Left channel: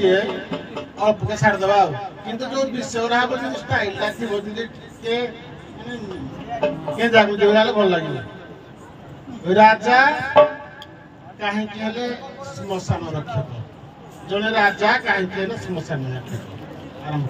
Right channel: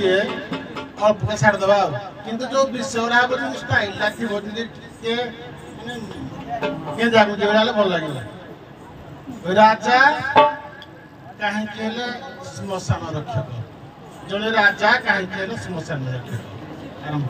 ये अब के छाड़ दबा किंतु जो विश्वरा को स्टाइल लाथि बोलते के जागु देवाला भल लागिला राजा काहे केले श्मशान रक्षक जने राजा काहे केले श्मशान रक्षक आरंभ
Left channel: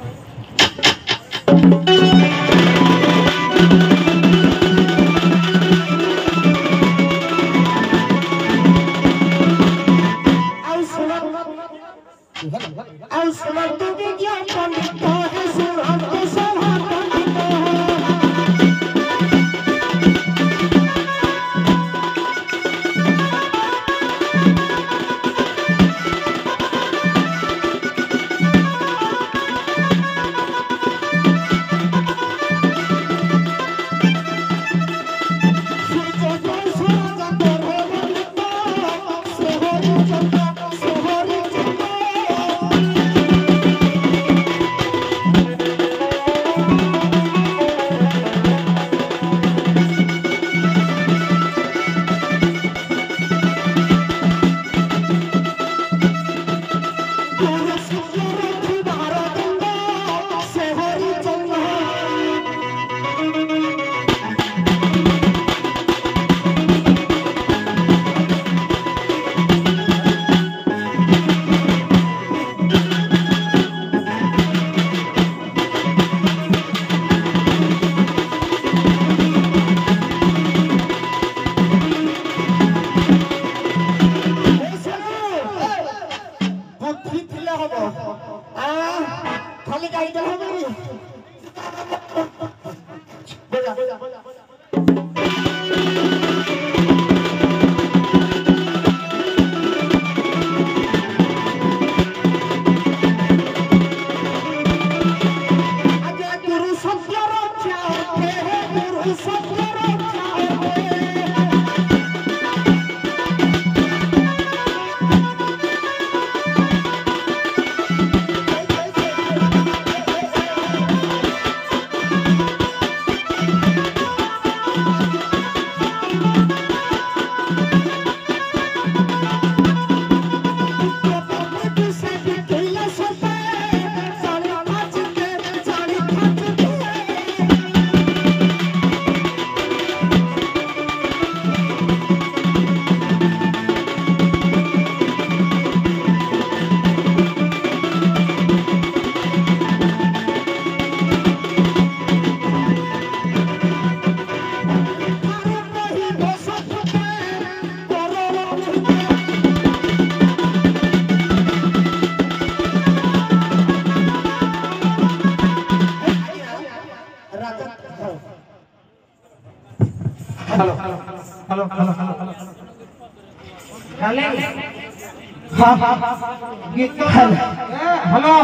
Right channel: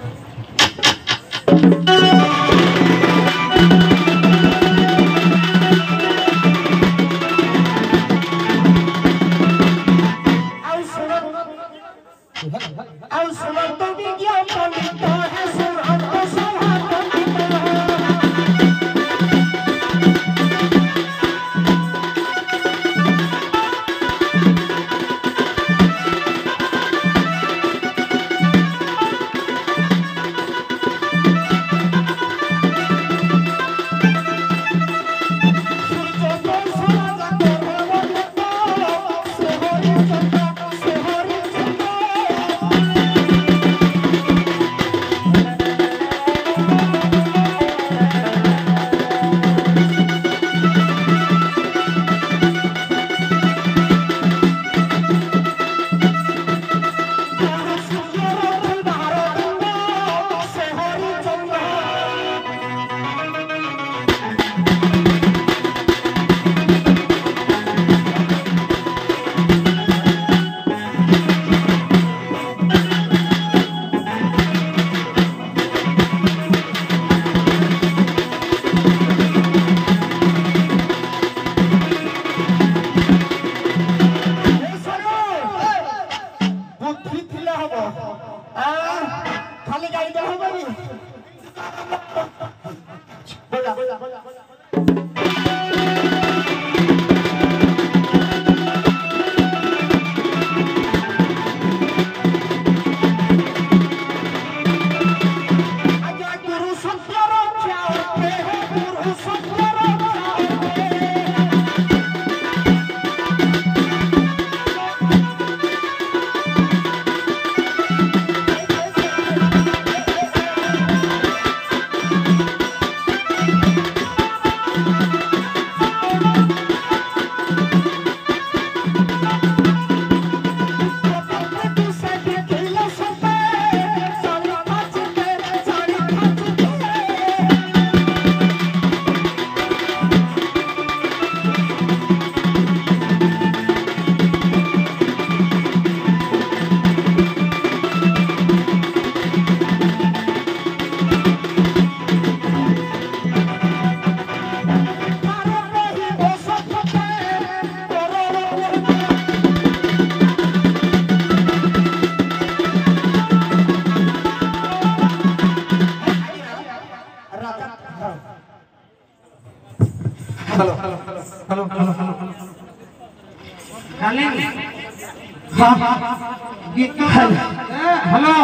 हेलो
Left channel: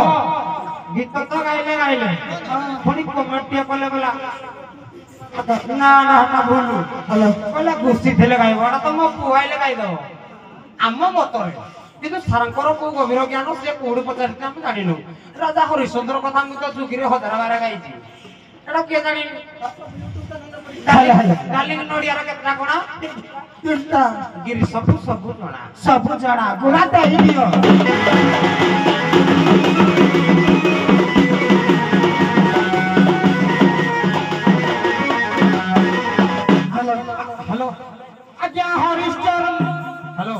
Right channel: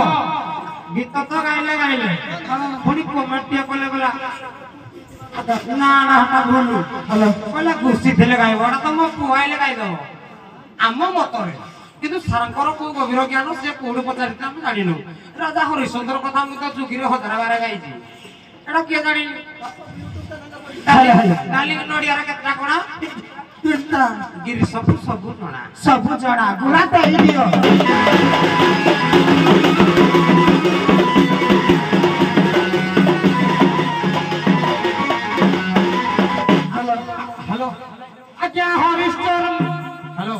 गीत तो गाइले पुणी कमेटी कले गला ना ना ना बोलू हेलो कले गोष्ठी थेले गाइबा तो मो पुआइले गाइ दो आम मतरे किंतु सारंकर को गभीर ज्ञान से कोड पचारिते हम जानिनु राजा हरिश्चंद्र कथा मु तो जुगिरे हजारा बारा गाइची एडा के जानि डाली नडिया रे केतना कोना केतना गिरी सब जणा गुड़ा तो ही दियो हेलो आज्ञा हरिश्चंद्र हेलो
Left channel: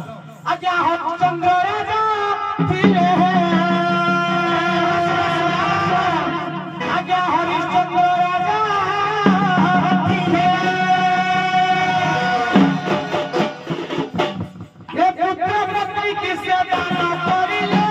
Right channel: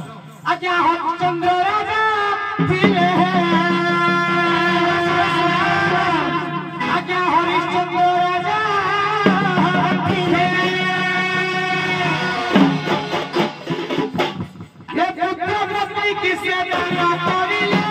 आज्ञा हरिश्चंद्र राजा फिरे आज्ञा हरिश्चंद्र राजा फिरे ये पुत्र किसे बना करिले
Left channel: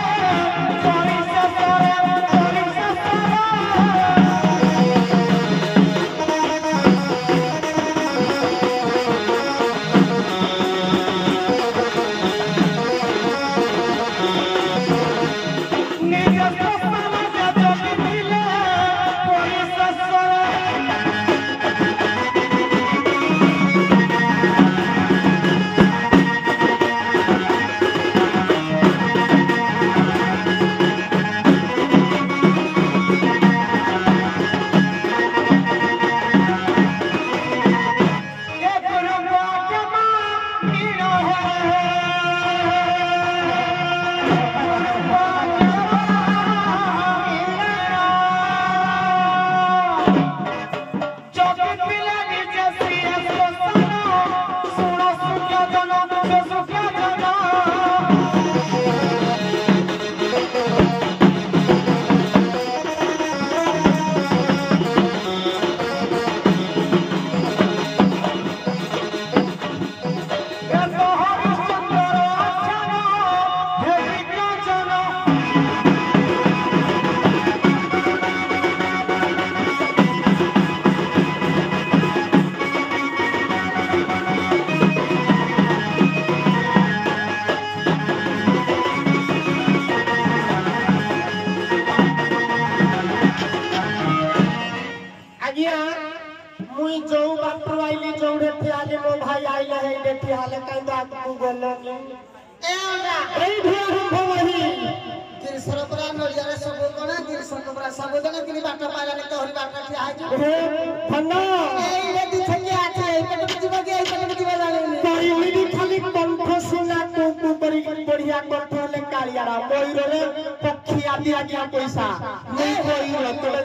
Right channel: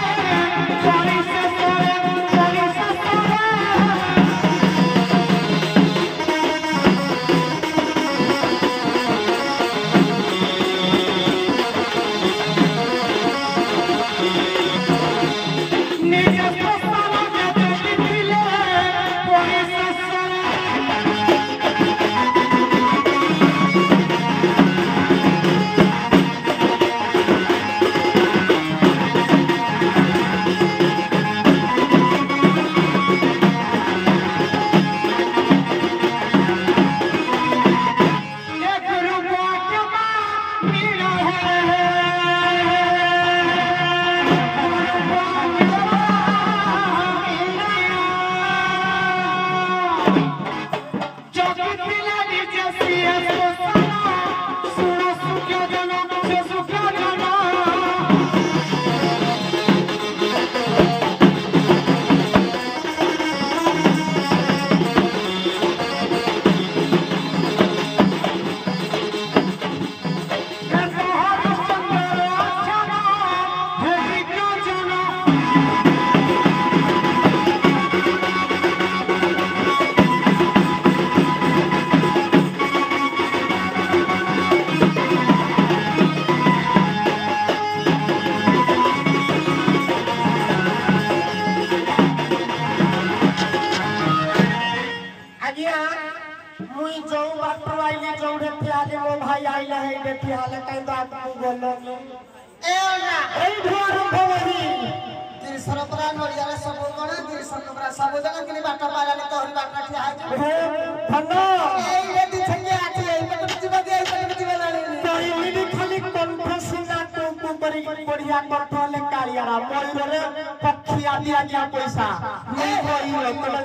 ठिया ले कई बात को गले ए ना ए ढोर भवही गिरिशर परा नड़िया रे सब कोना गिरिशर परा सब जगह किनी बाटा पागाले तोहरी बाटा ठिया है रे धनो ए ले दी छके आछे ए पेट जीव के ए पेट जीव जाने कइली खाली कंठ सुना को कुपरी बढ़िया कंठ ले कालियारा मयूर रे पक्षी आदि आज्ञा पैसा नहीं मयूर तोड़े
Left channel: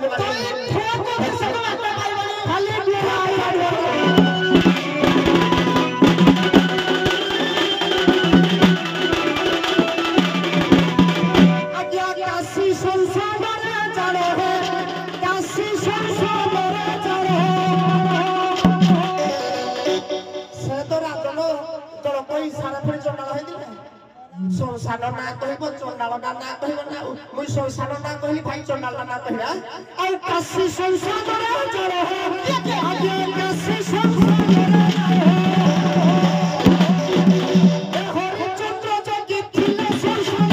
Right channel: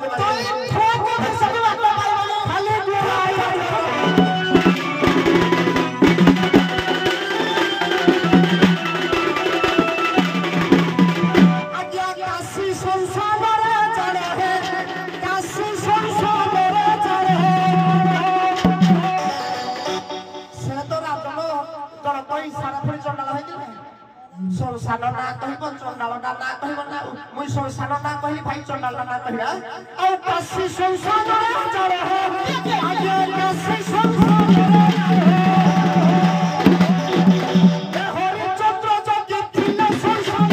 ठोक के सब बाटा पाइबो खाली संसार ना कहब चंडाल ना कहब ना मुई संसार ना कहली भाई चंडाल ना कहया आ काशी संसार चले हो आगे काशी संसार ए हरि चंद्र जगे थिले संसार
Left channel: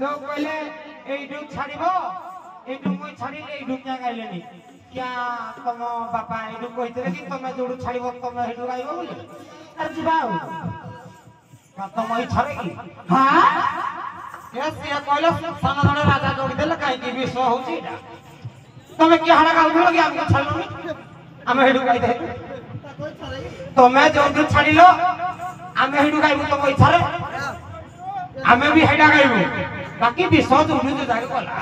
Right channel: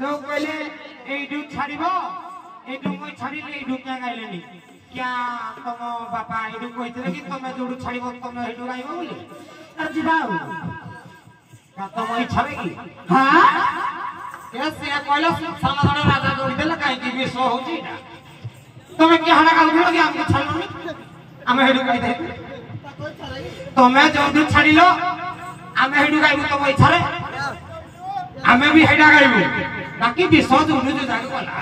जो कहले एडू छाड़िबो एडू मोय छाड़िले एडू क्या गाइलेनी क्या तुम बापा एडू कहितले कि तुम जोडू छाड़िबो तुम एडू गाइबो बोली अरे जिबाऊ का तुम ई छाड़ेगी हां कैसे कहले सामने राजा जोड़ी देले काहे कि विश्व होची एटा तुम क्या हडा गाउ भिड़ो कि हमके छाड़लो हम एडू गाइ दे तुम जोडू छाड़िलो हम एडू गाइबो तुम ई छाड़े हमें भी हेडा गाइबो बाकी विश्व जोनु जो जाडी बोला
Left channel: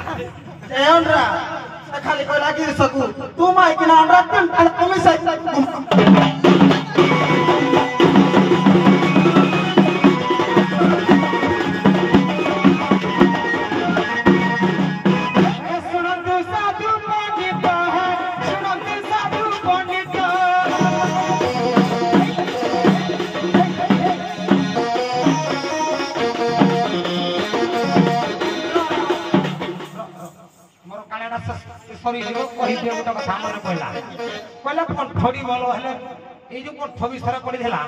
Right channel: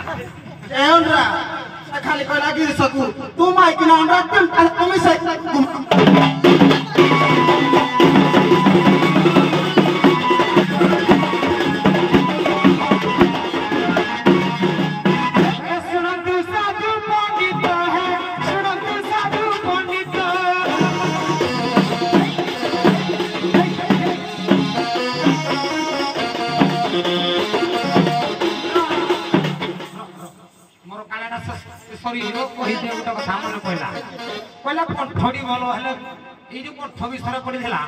एंड्रा खाली कहला गिरिशकु तू माइक ना अंडा तुम से सॉरी एनो कहि दे उटा କଥା मन कहला कहला कोठडी बोलो हले ए जो कोठ बिसरा पड़ी देला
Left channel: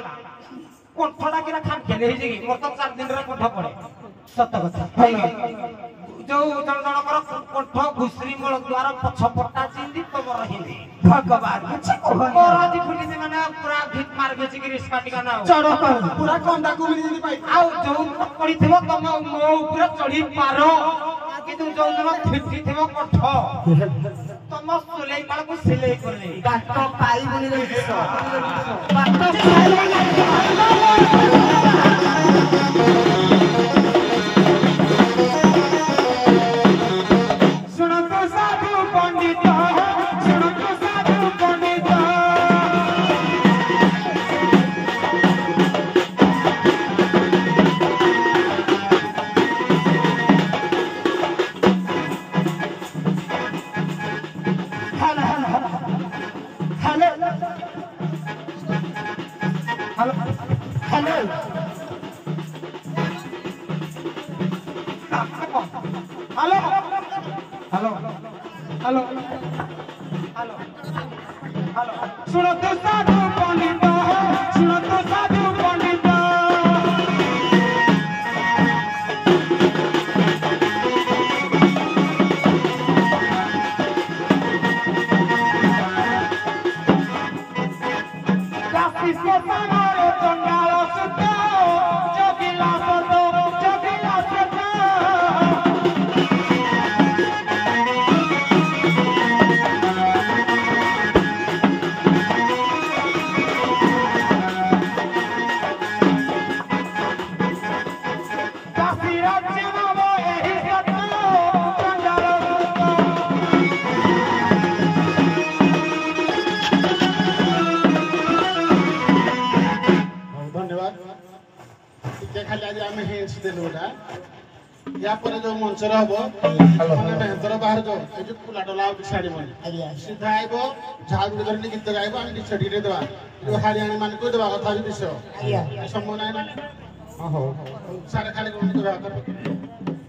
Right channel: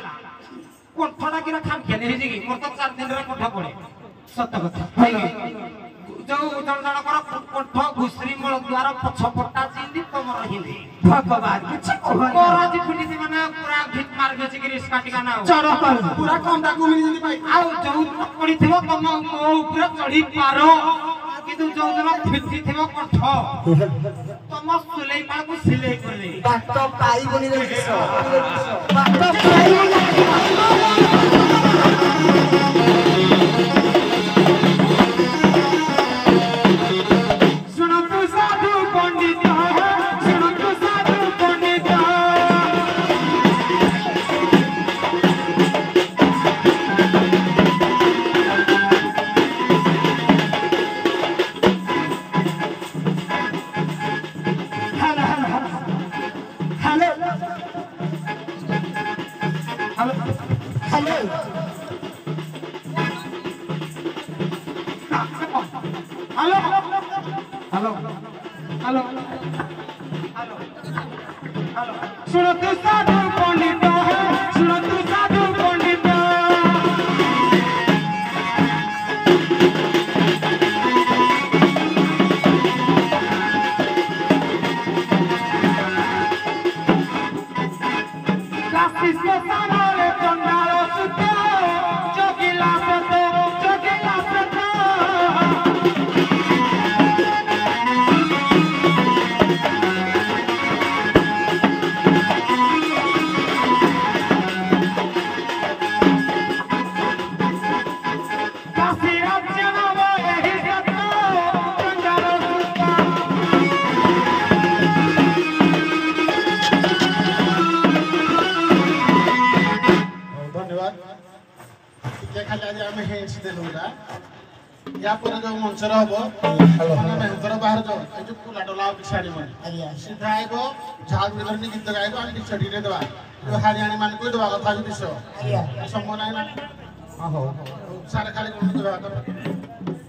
कोठडा किना खान खेले हे जे मोर तो 4 दिन रे कोठ पड़े सत्य कथा जो जण जण कर कोठ घुसरी मोल द्वार पछ पट्टा चिंदी तमर हिंदी भगवान कुछ कोरा जी फुटी माने पूरा भीत मार गेछि कि रिस काटिका ना चढ़ पूरा कंडा कुमिनी जदी पाई आ जो पड़ी थिबो तम मो ऊपर चढ़ी पारो किंतु जो जन फिटी थिबो कोठ तम सुलेई पाल को सिलेई करले बात पाई बनी रे सुनो तू साधु पंडित सुनो तू साधु पंडित सुनो तू साधु पंडित सुनो तू साधु पंडित काशी से सारे पंडालो सुतो जोगिला सतो जोगिला सतो ଖାଲି ଆଜି ଆମେ ହେଡ୍ସ ଦେଲୁ ଏଟା या पर जो मंचर हबो माने मेहतर बाहर जो ए जो पुला डला उठी छाड़ीबनी ଆଜ୍ଞା सीधा आइबो झाड़ बिदरनी गीत गाइबो आनी छडी रे देबा जो हारियाणी मान को देबा कथा जो दिसो ଆଜ୍ଞା सम्मान है ना ହଁ ହଉ सारे खाली कोन देबा कथा